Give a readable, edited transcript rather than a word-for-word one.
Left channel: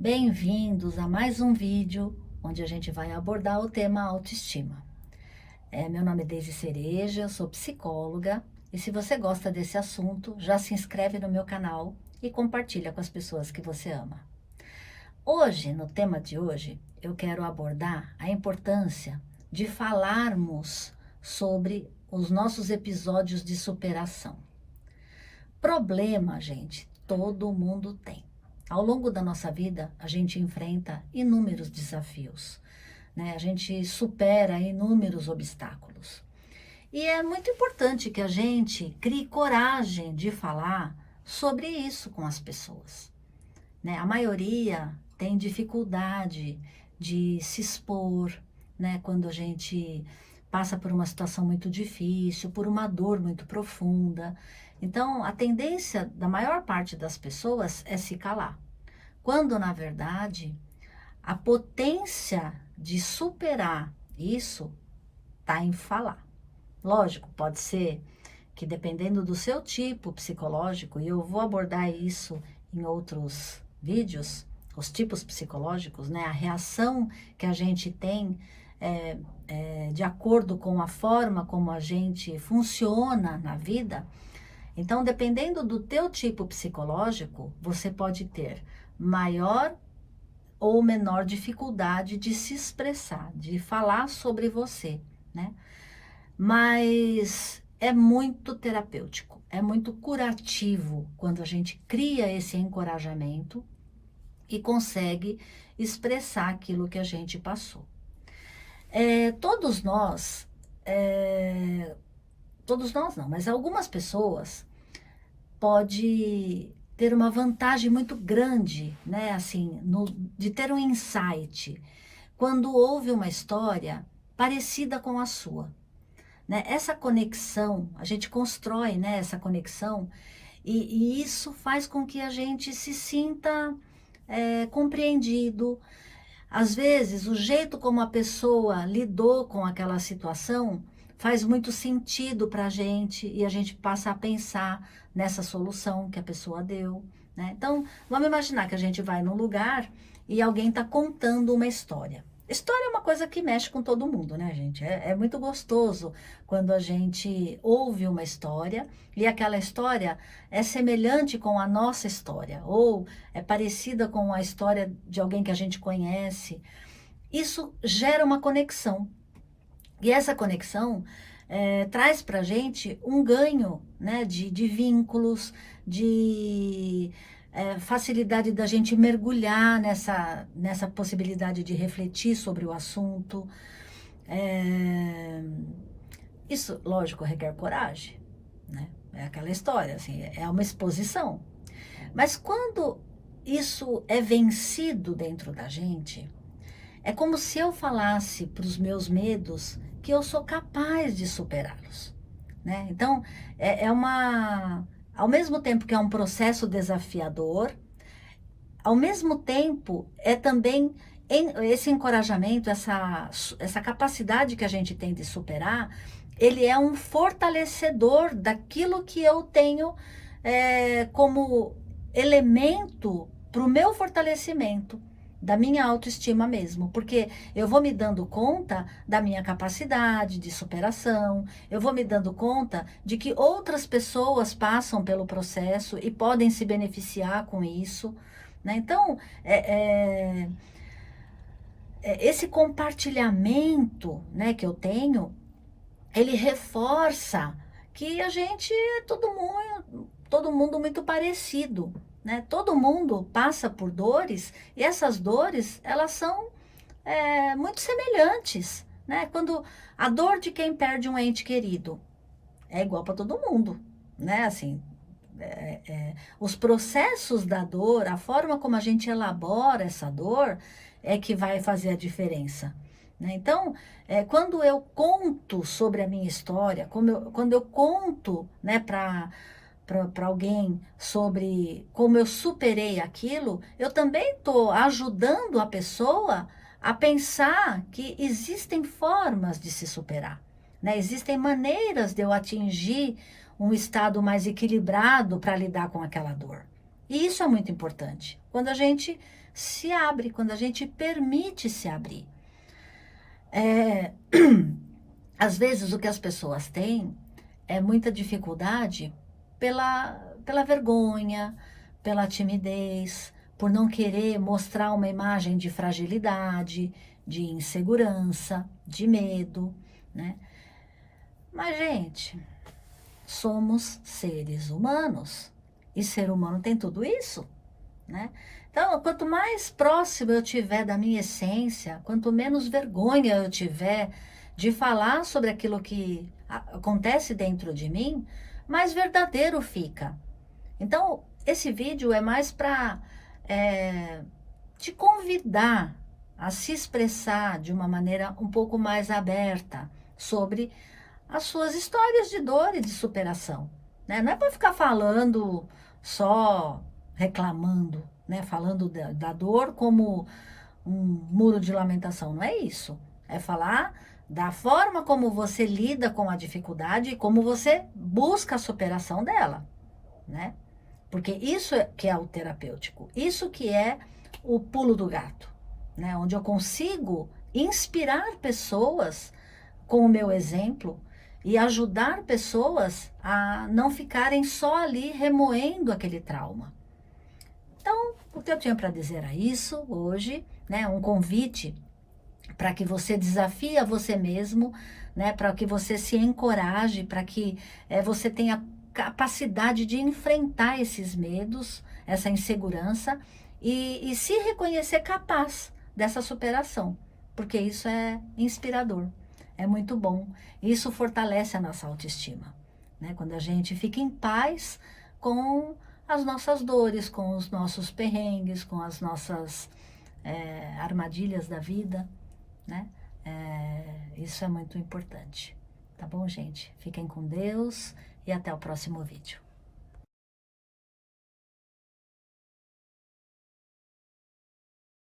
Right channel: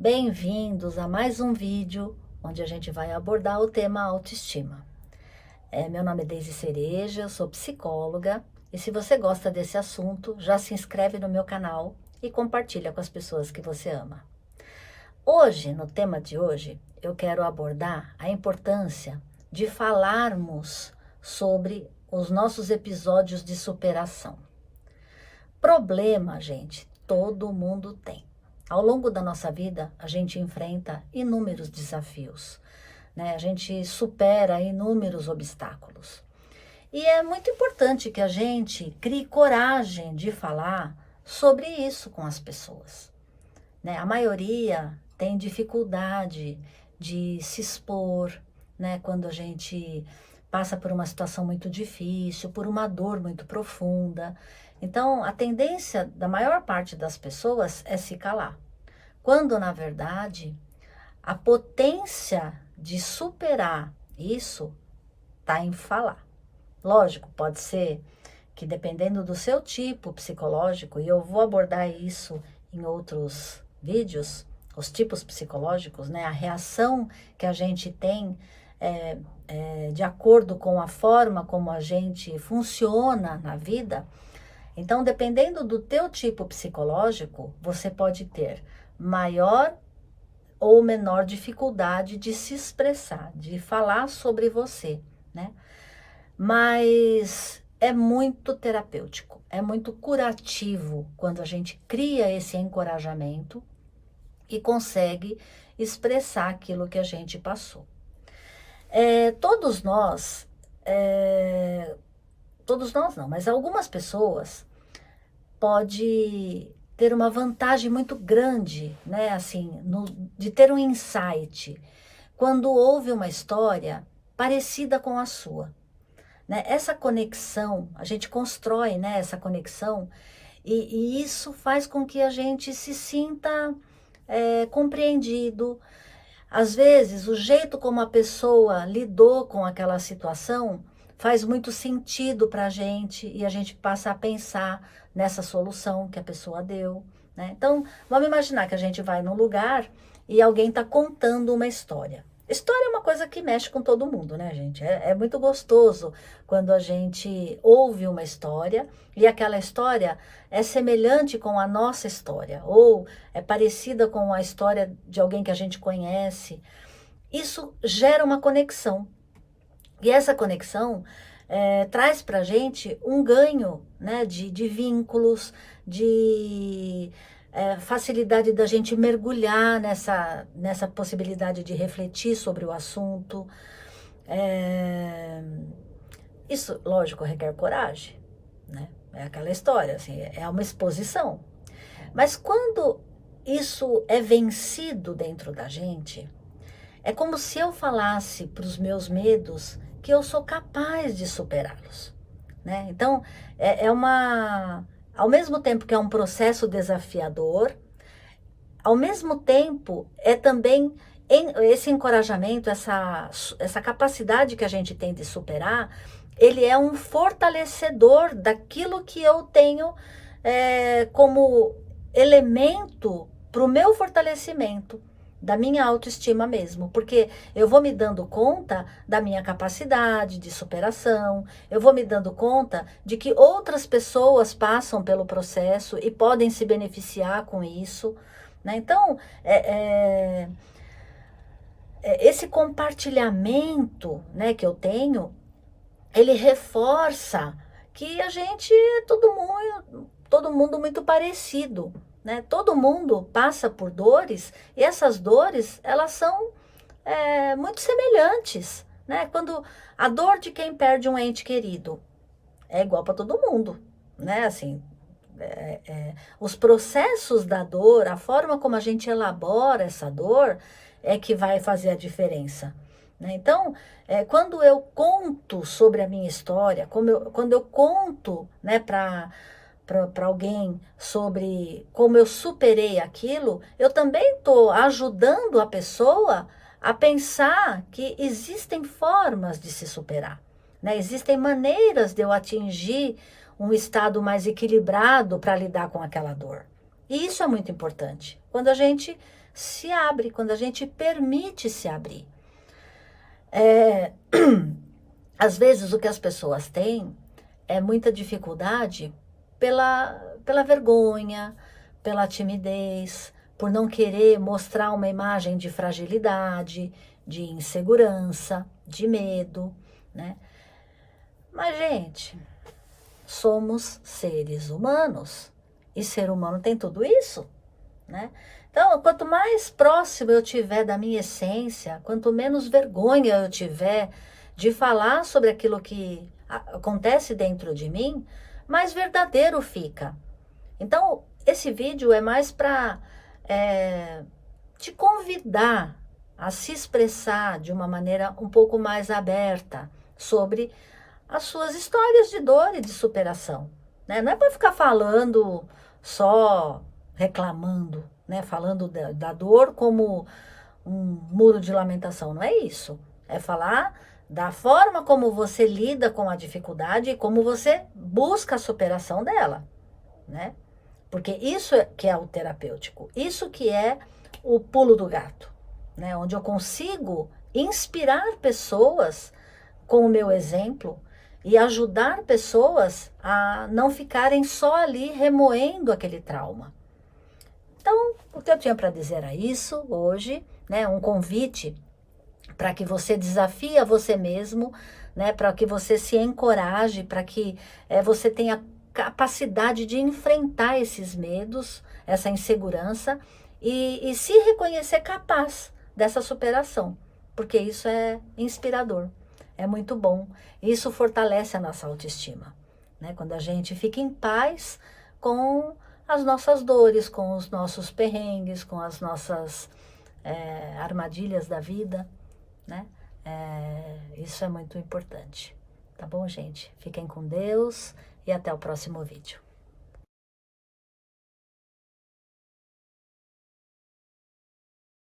Bem-vindos a mais um vídeo onde a gente vai abordar o tema autoestima. Meu nome é Deise Cereja, eu sou psicóloga e se você gosta desse assunto, já se inscreve no meu canal e compartilha com as pessoas que você ama. Hoje, no tema de hoje, eu quero abordar a importância de falarmos sobre os nossos episódios de superação. Problema, gente, todo mundo tem. Ao longo da nossa vida, a gente enfrenta inúmeros desafios, né? A gente supera inúmeros obstáculos. E é muito importante que a gente crie coragem de falar sobre isso com as pessoas, né? A maioria tem dificuldade de se expor, né? Quando a gente passa por uma situação muito difícil, por uma dor muito profunda. Então, a tendência da maior parte das pessoas é se calar, quando na verdade a potência de superar isso está em falar. Lógico, pode ser que dependendo do seu tipo psicológico, e eu vou abordar isso em outros vídeos, os tipos psicológicos, né? A reação que a gente tem de acordo com a forma como a gente funciona na vida. Então, dependendo do teu tipo psicológico, você pode ter maior ou menor dificuldade de se expressar, de falar sobre você, né? Mas é muito terapêutico, é muito curativo quando a gente cria esse encorajamento e consegue expressar aquilo que a gente passou. Todos nós, todos nós não, mas algumas pessoas pode ter uma vantagem muito grande, né? Assim, de ter um insight quando houve uma história parecida com a sua, né? Essa conexão, a gente constrói, né, essa conexão e isso faz com que a gente se sinta compreendido. Às vezes, o jeito como a pessoa lidou com aquela situação faz muito sentido para a gente e a gente passa a pensar nessa solução que a pessoa deu, né? Então, vamos imaginar que a gente vai num lugar e alguém está contando uma história. História é uma coisa que mexe com todo mundo, né, gente? É muito gostoso quando a gente ouve uma história e aquela história é semelhante com a nossa história, ou é parecida com a história de alguém que a gente conhece. Isso gera uma conexão. E essa conexão traz para a gente um ganho, né, de vínculos, de facilidade da gente mergulhar nessa possibilidade de refletir sobre o assunto. É, Isso, lógico, requer coragem, né? É aquela história, assim, é uma exposição. Mas quando isso é vencido dentro da gente, é como se eu falasse para os meus medos que eu sou capaz de superá-los, né? Então, ao mesmo tempo que é um processo desafiador, ao mesmo tempo é também esse encorajamento, essa capacidade que a gente tem de superar, ele é um fortalecedor daquilo que eu tenho como elemento para o meu fortalecimento, da minha autoestima mesmo, porque eu vou me dando conta da minha capacidade de superação, eu vou me dando conta de que outras pessoas passam pelo processo e podem se beneficiar com isso, né? Então, esse compartilhamento, né, que eu tenho, ele reforça que a gente é todo mundo muito parecido, né? Todo mundo passa por dores e essas dores, elas são muito semelhantes, né? Quando a dor de quem perde um ente querido é igual para todo mundo, né? Assim, os processos da dor, a forma como a gente elabora essa dor é que vai fazer a diferença, né? Então, quando eu conto sobre a minha história, quando eu conto, né, para alguém sobre como eu superei aquilo, eu também estou ajudando a pessoa a pensar que existem formas de se superar, né? Existem maneiras de eu atingir um estado mais equilibrado para lidar com aquela dor. E isso é muito importante. Quando a gente se abre, quando a gente permite se abrir. Às vezes o que as pessoas têm é muita dificuldade pela vergonha, pela timidez, por não querer mostrar uma imagem de fragilidade, de insegurança, de medo, né? Mas, gente, somos seres humanos e ser humano tem tudo isso, né? Então, quanto mais próximo eu tiver da minha essência, quanto menos vergonha eu tiver de falar sobre aquilo que acontece dentro de mim, mais verdadeiro fica. Então, esse vídeo é mais para te convidar a se expressar de uma maneira um pouco mais aberta sobre as suas histórias de dor e de superação, né? Não é para ficar falando só reclamando, né? Falando da dor como um muro de lamentação, não é isso. É falar da forma como você lida com a dificuldade e como você busca a superação dela, né? Porque isso que é o terapêutico, isso que é o pulo do gato, né? Onde eu consigo inspirar pessoas com o meu exemplo e ajudar pessoas a não ficarem só ali remoendo aquele trauma. Então, o que eu tinha para dizer era isso hoje, né? Um convite para que você desafie a você mesmo, né? Para que você se encoraje, para que você tenha capacidade de enfrentar esses medos, essa insegurança e se reconhecer capaz dessa superação, porque isso é inspirador, é muito bom. Isso fortalece a nossa autoestima, né? Quando a gente fica em paz com as nossas dores, com os nossos perrengues, com as nossas armadilhas da vida, né? Isso é muito importante. Tá bom, gente? Fiquem com Deus e até o próximo vídeo.